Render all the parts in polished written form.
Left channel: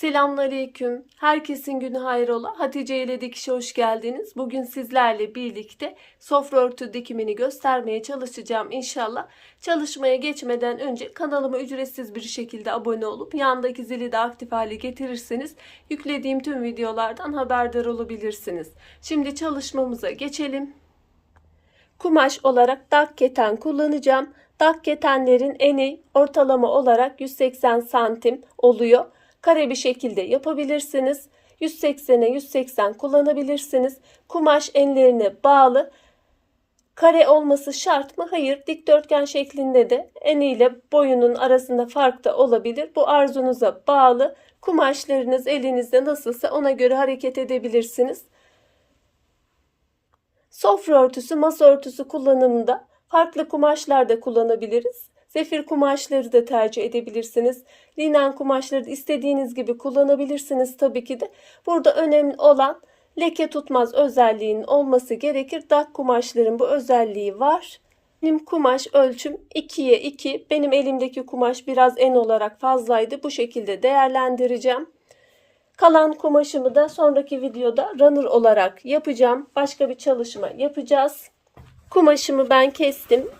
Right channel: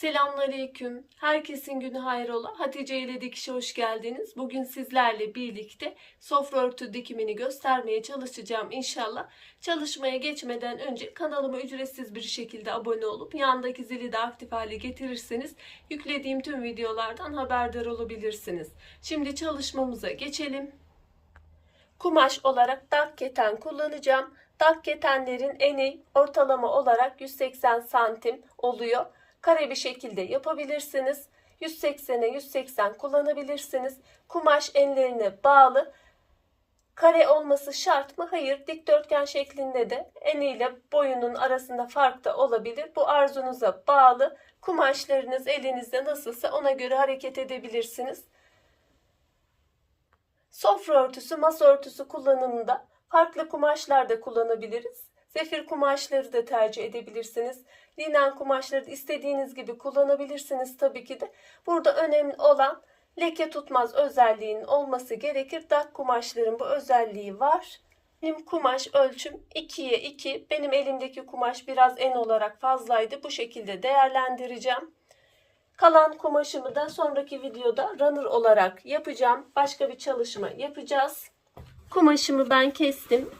Selamünaleyküm. Herkesin günü hayrola. Hatice ile Dikiş'e hoş geldiniz. Bugün sizlerle birlikte sofra örtü dikimini göstermeye çalışacağım inşallah. Çalışmaya geçmeden önce kanalıma ücretsiz bir şekilde abone olup yandaki zili de aktif hale getirirseniz yüklediğim tüm videolardan haberdar olabilirsiniz. Şimdi çalışmamıza geçelim. Kumaş olarak dak keten kullanacağım. Dak ketenlerin eni ortalama olarak 180 santim oluyor. Kare bir şekilde yapabilirsiniz. 180'e 180 kullanabilirsiniz. Kumaş enlerine bağlı. Kare olması şart mı? Hayır. Dikdörtgen şeklinde de eniyle boyunun arasında fark da olabilir. Bu arzunuza bağlı. Kumaşlarınız elinizde nasılsa ona göre hareket edebilirsiniz. Sofra örtüsü, masa örtüsü kullanımında farklı kumaşlar da kullanabiliriz. Zefir kumaşları da tercih edebilirsiniz. Linen kumaşları da istediğiniz gibi kullanabilirsiniz tabii ki de. Burada önemli olan leke tutmaz özelliğinin olması gerekir. Dak kumaşların bu özelliği var. Benim kumaş ölçüm 2'ye 2. Benim elimdeki kumaş biraz en olarak fazlaydı. Bu şekilde değerlendireceğim. Kalan kumaşımı da sonraki videoda runner olarak yapacağım. Başka bir çalışma yapacağız. Kumaşımı ben kestim.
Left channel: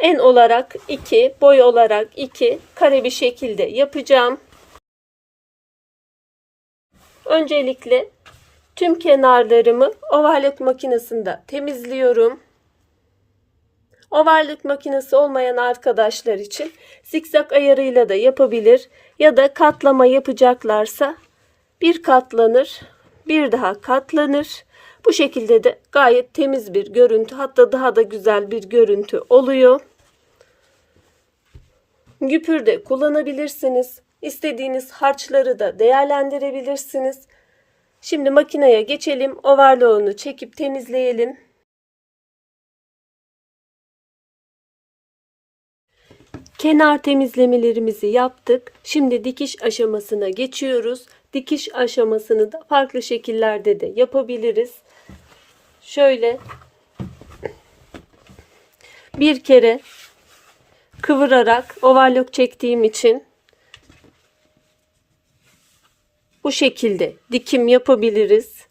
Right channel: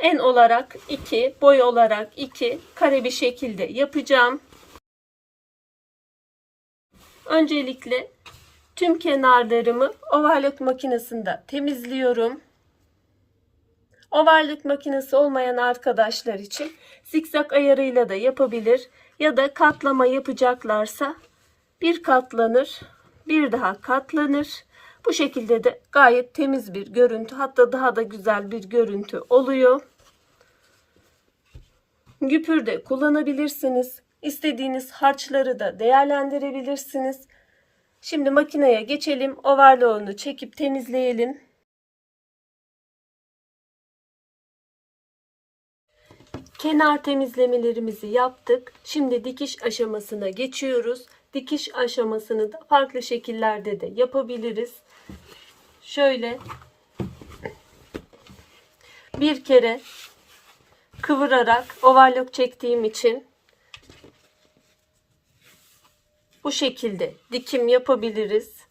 En olarak 2, boy olarak 2, kare bir şekilde yapacağım. Öncelikle tüm kenarlarımı overlock makinesinde temizliyorum. Overlock makinesi olmayan arkadaşlar için zikzak ayarıyla da yapabilir ya da katlama yapacaklarsa bir katlanır, bir daha katlanır. Bu şekilde de gayet temiz bir görüntü, hatta daha da güzel bir görüntü oluyor. Güpür de kullanabilirsiniz. İstediğiniz harçları da değerlendirebilirsiniz. Şimdi makineye geçelim. Overlock'unu çekip temizleyelim. Kenar temizlemelerimizi yaptık. Şimdi dikiş aşamasına geçiyoruz. Dikiş aşamasını da farklı şekillerde de yapabiliriz. Şöyle bir kere kıvırarak overlock çektiğim için bu şekilde dikim yapabiliriz.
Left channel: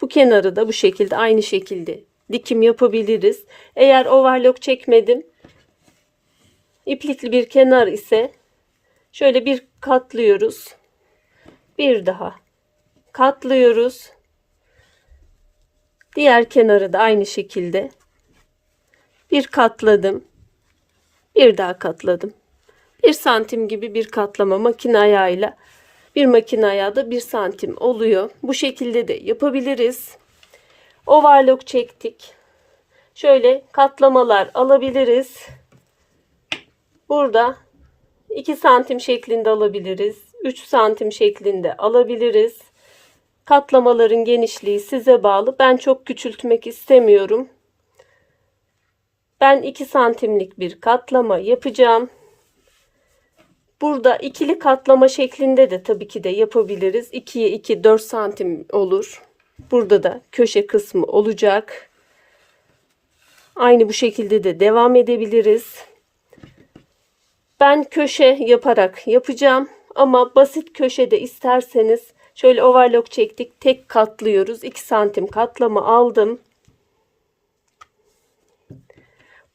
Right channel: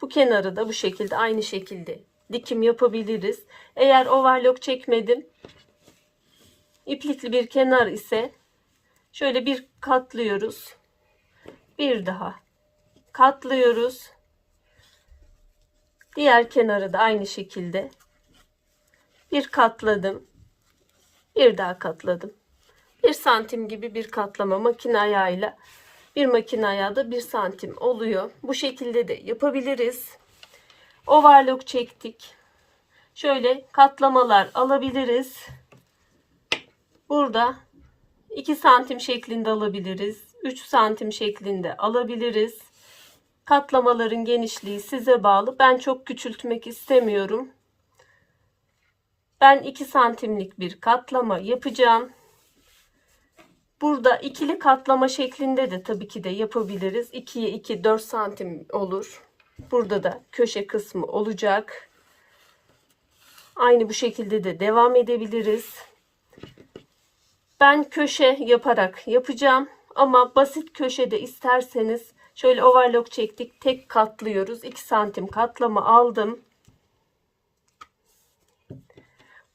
Bu kenarı da bu şekilde aynı şekilde dikim yapabiliriz. Eğer overlock çekmedim, iplikli bir kenar ise şöyle bir katlıyoruz. Bir daha katlıyoruz. Diğer kenarı da aynı şekilde bir katladım. Bir daha katladım. 1 santim gibi bir katlama makine ayağıyla. Bir makine ayağı da 1 santim oluyor. Bu şekilde de yapabiliriz. Overlock çektik. Şöyle katlamalar alabiliriz. Burada 2 santim şeklinde alabiliriz. 3 santim şeklinde alabiliriz. Katlamaların genişliği size bağlı. Ben çok küçültmek istemiyorum. Ben 2 santimlik bir katlama yapacağım. Burada ikili katlama şeklinde de tabii ki de yapabiliriz. 2'ye 2 4 santim olur. Burada da köşe kısmı olacak. Aynı bu şekilde de devam edebiliriz. Ben köşe yaparak yapacağım. Ama basit köşede isterseniz şöyle overlock çektik. Tek katlıyoruz. 2 santim katlama aldım.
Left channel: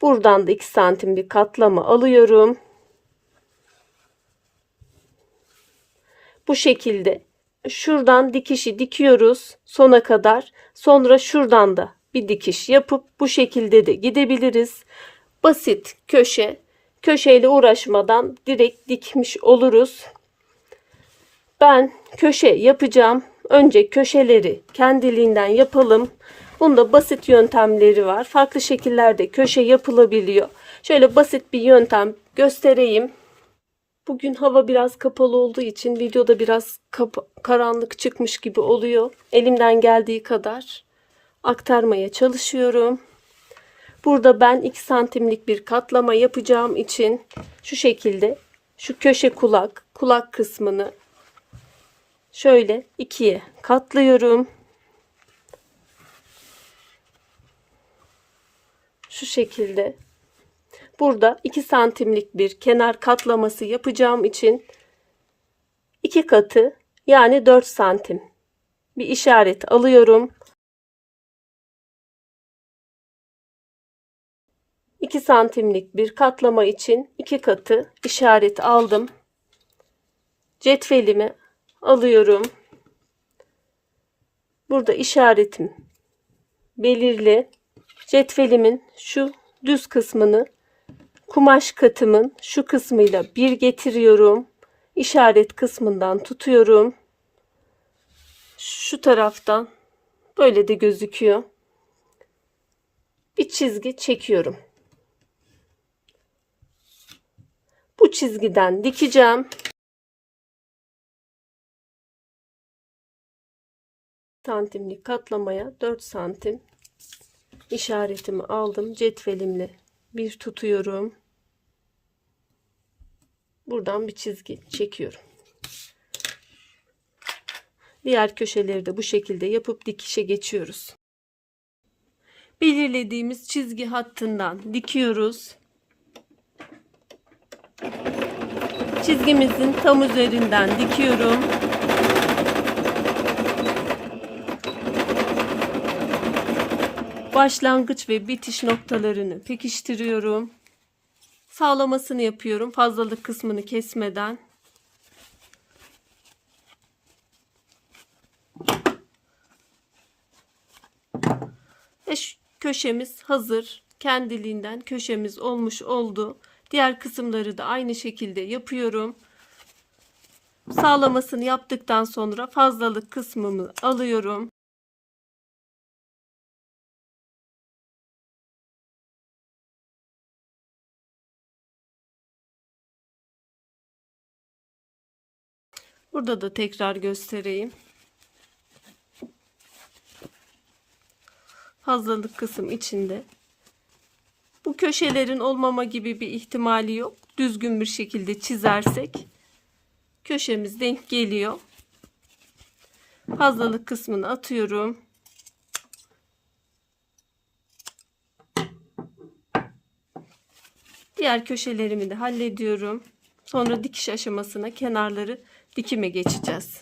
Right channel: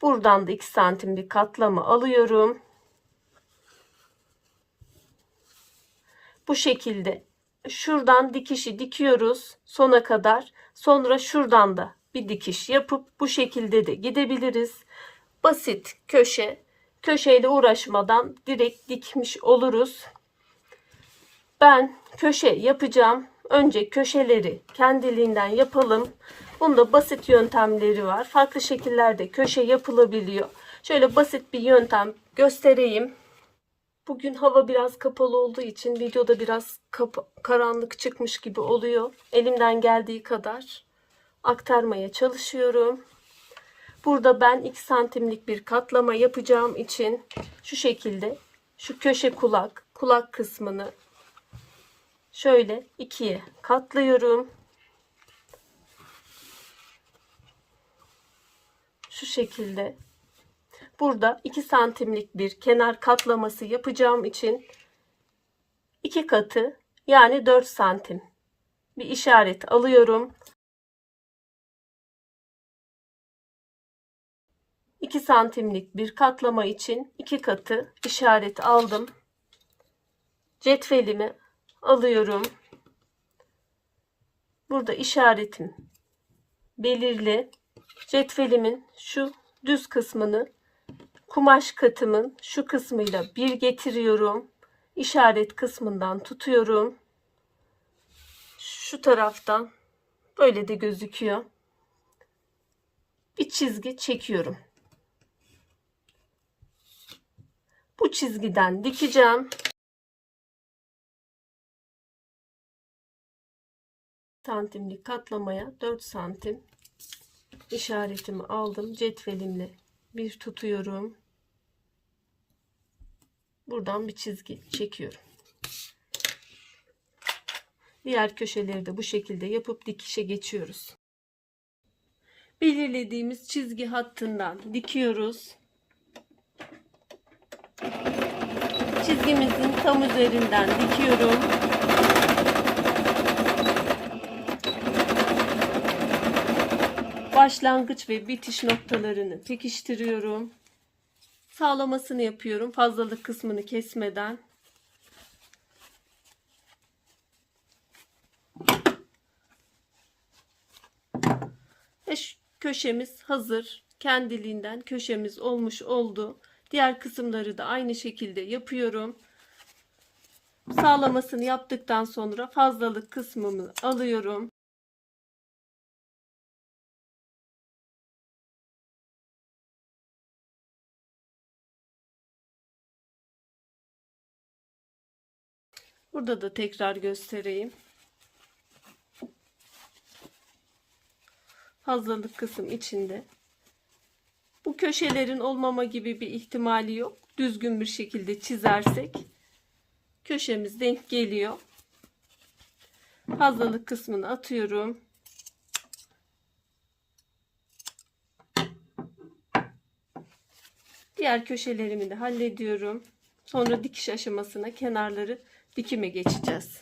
Buradan da 2 santim bir katlama alıyorum. Bu şekilde şuradan dikişi dikiyoruz sona kadar. Sonra şuradan da bir dikiş yapıp bu şekilde de gidebiliriz. Basit köşe. Köşeyle uğraşmadan direkt dikmiş oluruz. Ben köşe yapacağım. Önce köşeleri kendiliğinden yapalım. Bunda basit yöntemleri var. Farklı şekillerde köşe yapılabiliyor. Şöyle basit bir yöntem göstereyim. Bugün hava biraz kapalı olduğu için videoda biraz karanlık çıkmış gibi oluyor. Elimden geldiği kadar aktarmaya çalışıyorum. Burada ben 2 santimlik bir katlama yapacağım için şu şekilde şu köşe kulak kısmını şöyle ikiye katlıyorum. Şu şekilde. Burada 2 santimlik bir kenar katlaması yapacağım için 2 katı yani 4 santim bir işaret alıyorum. 2 santimlik bir katlama için 2 katı işaret aldım. Cetvelimi alıyorum. Burada işaretim belirli. Cetvelimin şu düz kısmını kumaş katımın şu kısmıyla bir getiriyorum. İşaret kısmından tutuyorum. Şu taraftan böyle de gözüküyor. Bir çizgi çekiyorum. Bu çizgiden dikeceğim. Santimlik katlamaya 4 santim işaretimi aldım. Cetvelimle bir tutuyorum. Buradan bir çizgi çekiyorum. Diğer köşeleri de bu şekilde yapıp dikişe geçiyoruz. Belirlediğimiz çizgi hattından dikiyoruz. Çizgimizin tam üzerinden dikiyorum. Başlangıç ve bitiş noktalarını pekiştiriyorum. Sağlamasını yapıyorum. Fazlalık kısmını kesmeden. Ve köşemiz hazır. Kendiliğinden köşemiz olmuş oldu. Diğer kısımları da aynı şekilde yapıyorum. Sağlamasını yaptıktan sonra fazlalık kısmımı alıyorum. Burada da tekrar göstereyim. Fazlalık kısım içinde. Bu köşelerin olmama gibi bir ihtimali yok. Düzgün bir şekilde çizersek köşemiz denk geliyor. Fazlalık kısmını atıyorum. Diğer köşelerimi de hallediyorum. Sonra dikiş aşamasına kenarları dikime geçeceğiz.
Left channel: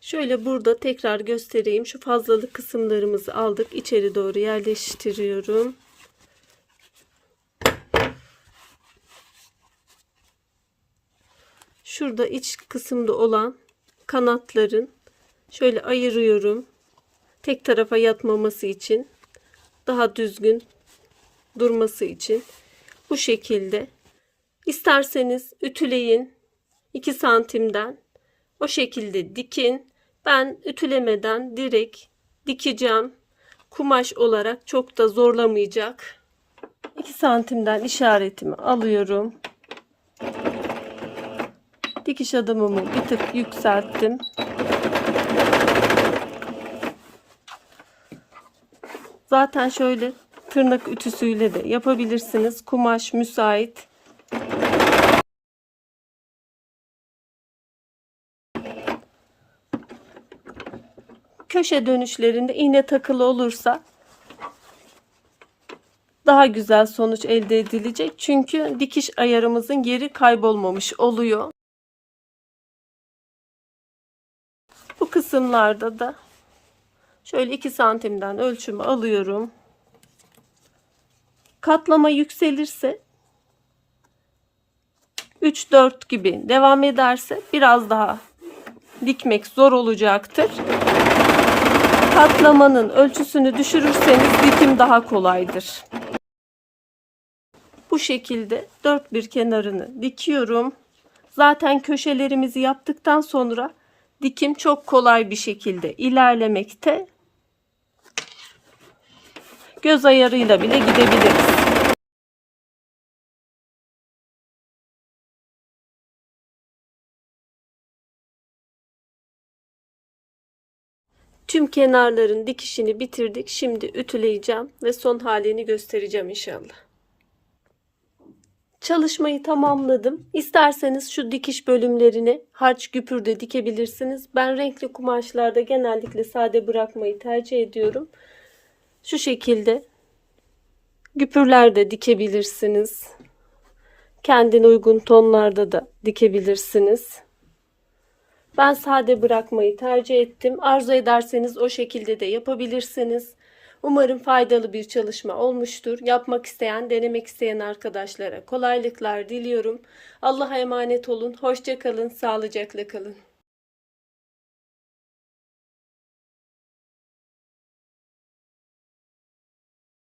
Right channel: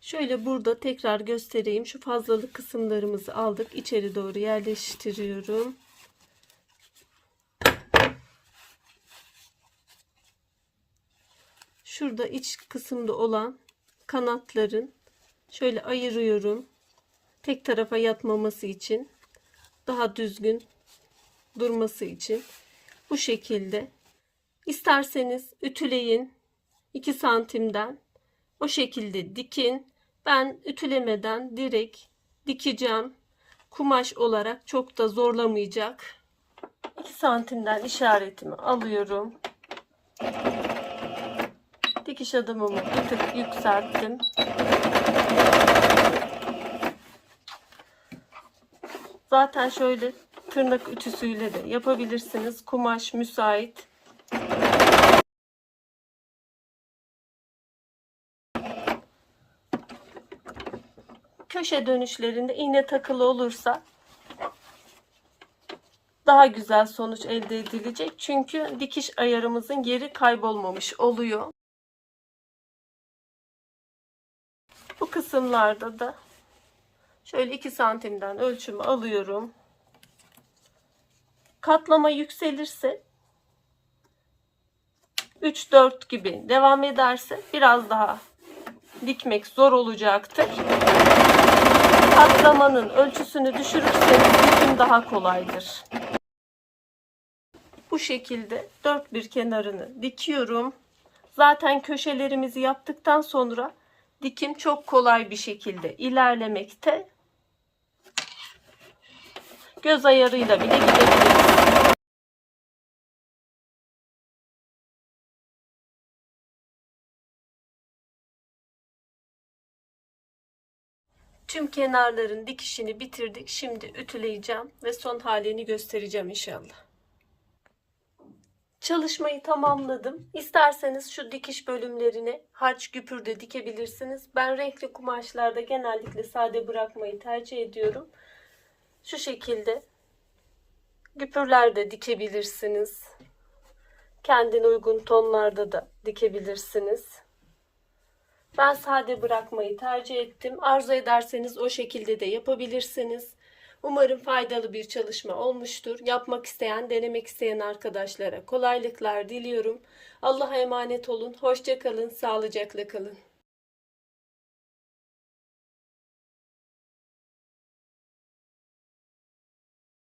Şöyle burada tekrar göstereyim. Şu fazlalık kısımlarımızı aldık. İçeri doğru yerleştiriyorum. Şurada iç kısımda olan kanatların şöyle ayırıyorum. Tek tarafa yatmaması için, daha düzgün durması için bu şekilde. İsterseniz ütüleyin 2 santimden o şekilde dikin. Ben ütülemeden direkt dikeceğim. Kumaş olarak çok da zorlamayacak. 2 santimden işaretimi alıyorum. Dikiş adımımı bir tık yükselttim. Zaten şöyle tırnak ütüsüyle de yapabilirsiniz. Kumaş müsait. Köşe dönüşlerinde iğne takılı olursa daha güzel sonuç elde edilecek. Çünkü dikiş ayarımızın yeri kaybolmamış oluyor. Bu kısımlarda da şöyle 2 santimden ölçümü alıyorum. Katlama yükselirse 3-4 gibi devam ederse biraz daha dikmek zor olacaktır. Katlamanın ölçüsünü düşürürseniz dikim daha kolaydır. Bu şekilde dört bir kenarını dikiyorum. Zaten köşelerimizi yaptıktan sonra dikim çok kolay bir şekilde ilerlemekte. Göz ayarıyla bile gidebiliriz. Tüm kenarların dikişini bitirdik. Şimdi ütüleyeceğim ve son halini göstereceğim inşallah. Çalışmayı tamamladım. İsterseniz şu dikiş bölümlerini harç güpürde dikebilirsiniz. Ben renkli kumaşlarda genellikle sade bırakmayı tercih ediyorum. Şu şekilde güpürlerde dikebilirsiniz. Kendine uygun tonlarda da dikebilirsiniz. Ben sade bırakmayı tercih ettim. Arzu ederseniz o şekilde de yapabilirsiniz. Umarım faydalı bir çalışma olmuştur. Yapmak isteyen, denemek isteyen arkadaşlara kolaylıklar diliyorum. Allah'a emanet olun. Hoşça kalın, sağlıcakla kalın.